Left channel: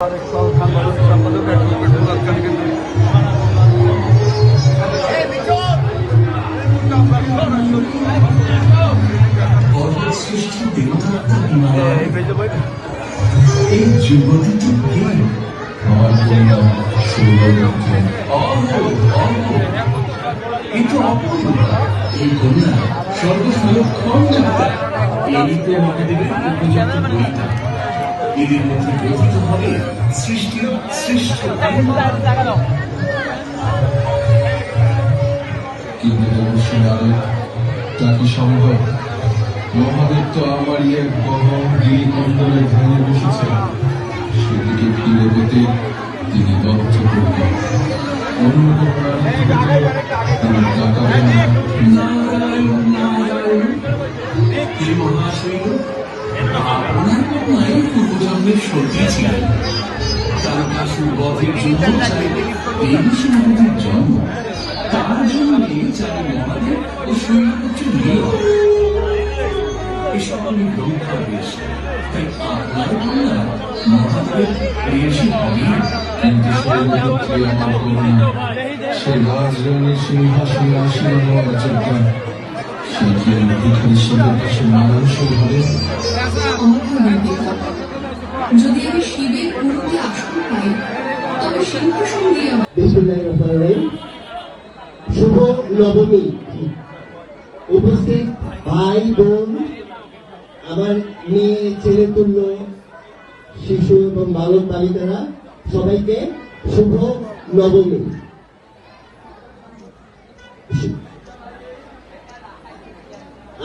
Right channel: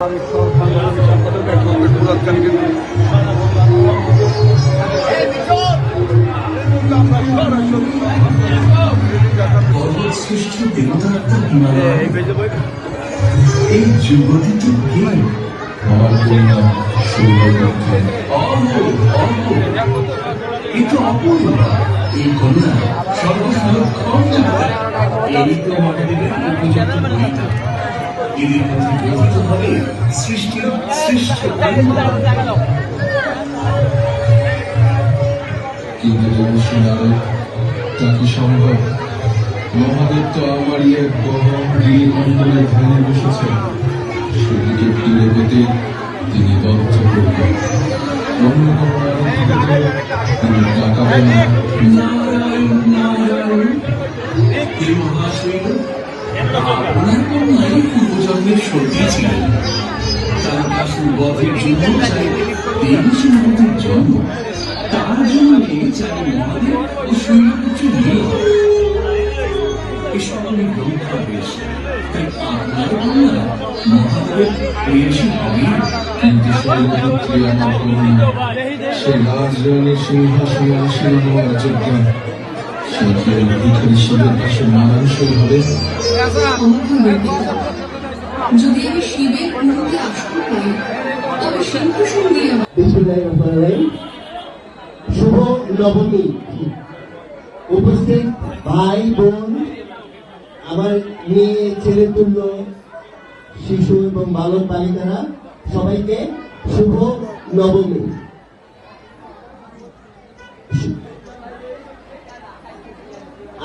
সম্পাদক অ্যাডভোকেট মুরাদ খানকে এই যুবতীকে কিন্তু এই দুনিয়া এদের মধ্যে গঠিত হবে সৃষ্টির সৃষ্টি। কিন্তু সম্ভব মহাদেব তো আমার এক বড় গিরিমন্ডলের ভেঙে বসেছেন, সেদিকে ফিরে পেতে তিনি বদ্ধ করতেন। অন্য কোনো তিনি টাকা ওনার কন্যাই পূর্বজন্মের সত্যি ছিল। তার কাশুর বধের জন্য দেবীর জন্ম, তার জন্যে চাই মহাদেব ও শৈলপুত্র নিয়ে এসব অনেক রক্ষা হয়েছে। তাই আপনার কন্যা মহাদেবের প্রেয়সী হবে, কিন্তু শৈলপুত্রে আমার কন্যা সে রাজরঙের সিংহাসনে আসীন হওয়ার যোগ্য। যদি আমি শিবের উন্নতি আসতে পারি তবে সিংহ সঙ্গে শুভ নবমী উপস্থিত ভাই বোন, আমার মেয়ে ছেলে তুল্য শিশু এবং বালক বালিকারা, সবাইকে শুভ নবমী।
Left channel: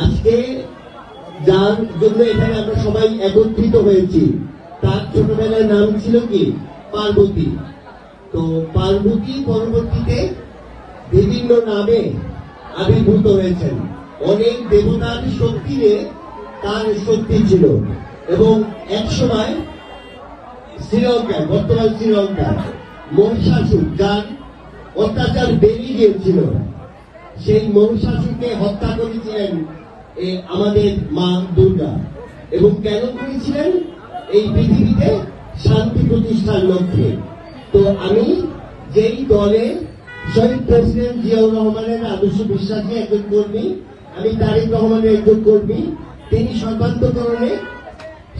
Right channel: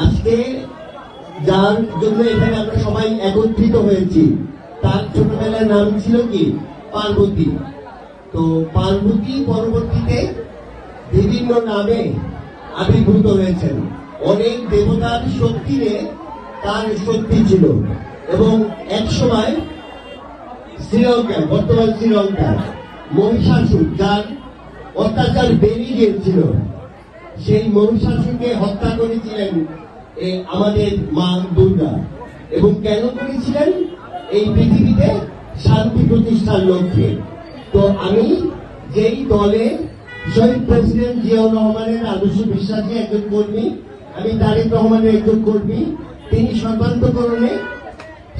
আজকে যার জন্য এখানে আমরা সবাই একত্রিত হয়েছি, তার ছোটবেলার নাম ছিল কি পার্বতী। তো পার্বতী পরবর্তীতে বিভিন্ন নামে আবির্ভূত হয়েছেন। অনেক দেবতার শক্তিতে তার শক্তি ছিল এবং একসময় শ্রীলঙ্কা, বর্তমান শ্রীলঙ্কা, মহিষাসুর যার অত্যাচার বেরিয়ে গিয়েছিল, সেই মহিষাসুরকে হত্যা করেছিলেন আমাদের মা দুর্গা। এবং কেন করেছিলেন? এই পৃথিবীতে শান্তি প্রতিষ্ঠার লক্ষ্যে। তো আমি যেই দলে শহীদ প্রেসিডেন্ট জিয়াউর রহমানের আদর্শ বিশ্বাসী একজন কর্মী, আমি তারেক রহমানের একজন কর্মী, তিনি সর্বান্তকরণে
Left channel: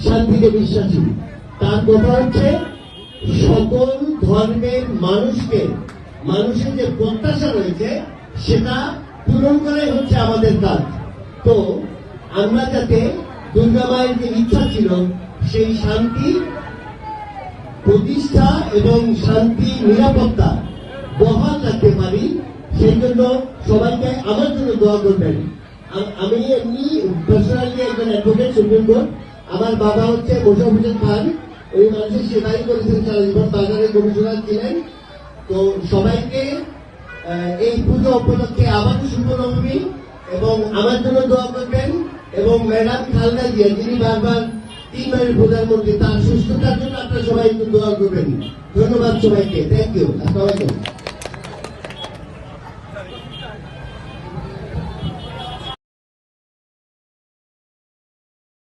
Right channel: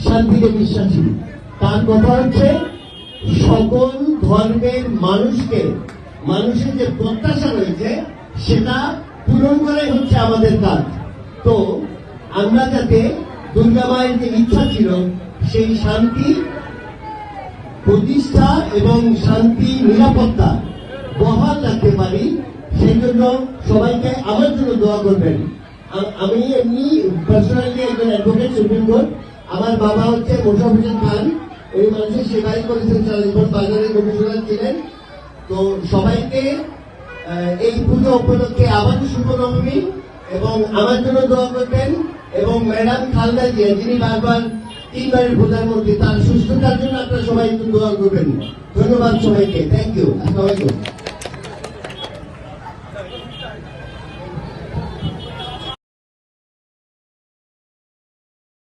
শান্তিতে বিশ্বাসী। তার কথা হচ্ছে সকল ধর্মের মানুষের যে প্রত্যাশা রয়েছে সেটা পূরণ করাই হচ্ছে আমাদের কাজ। তো আমরা যাতে দুর্গা মায়ের যে ইচ্ছা ছিল সেই শান্তি প্রতিষ্ঠা এবং শান্তি নিরাপত্তা বহাল রাখতে পারি, সেই জন্য সবাইকে আমার জন্য দোয়া করবেন। আমি এমনি পার্সোনালি একজন অ্যাডভোকেট, সুপ্রিম কোর্ট। আমার বাবা হচ্ছে মোশাররফ হোসেন খান, ওই মানুষের সেবাই করেছেন, চালিপুর বাজারের কমিশনার ছিলেন। তো সবাইকে এই পুজো উপলক্ষে আবার শুভ নবমী এবং আমার জন্য দোয়া করবেন। এবং ম্যাডাম খালদা জিয়া, যিনি বারবার 3 বারের প্রধানমন্ত্রী, তার সুস্থতার জন্য আপনারা সবাই একটু দোয়া করবেন। ধন্যবাদ সবাইকে, থ্যাংক ইউ। আসসালামু আলাইকুম।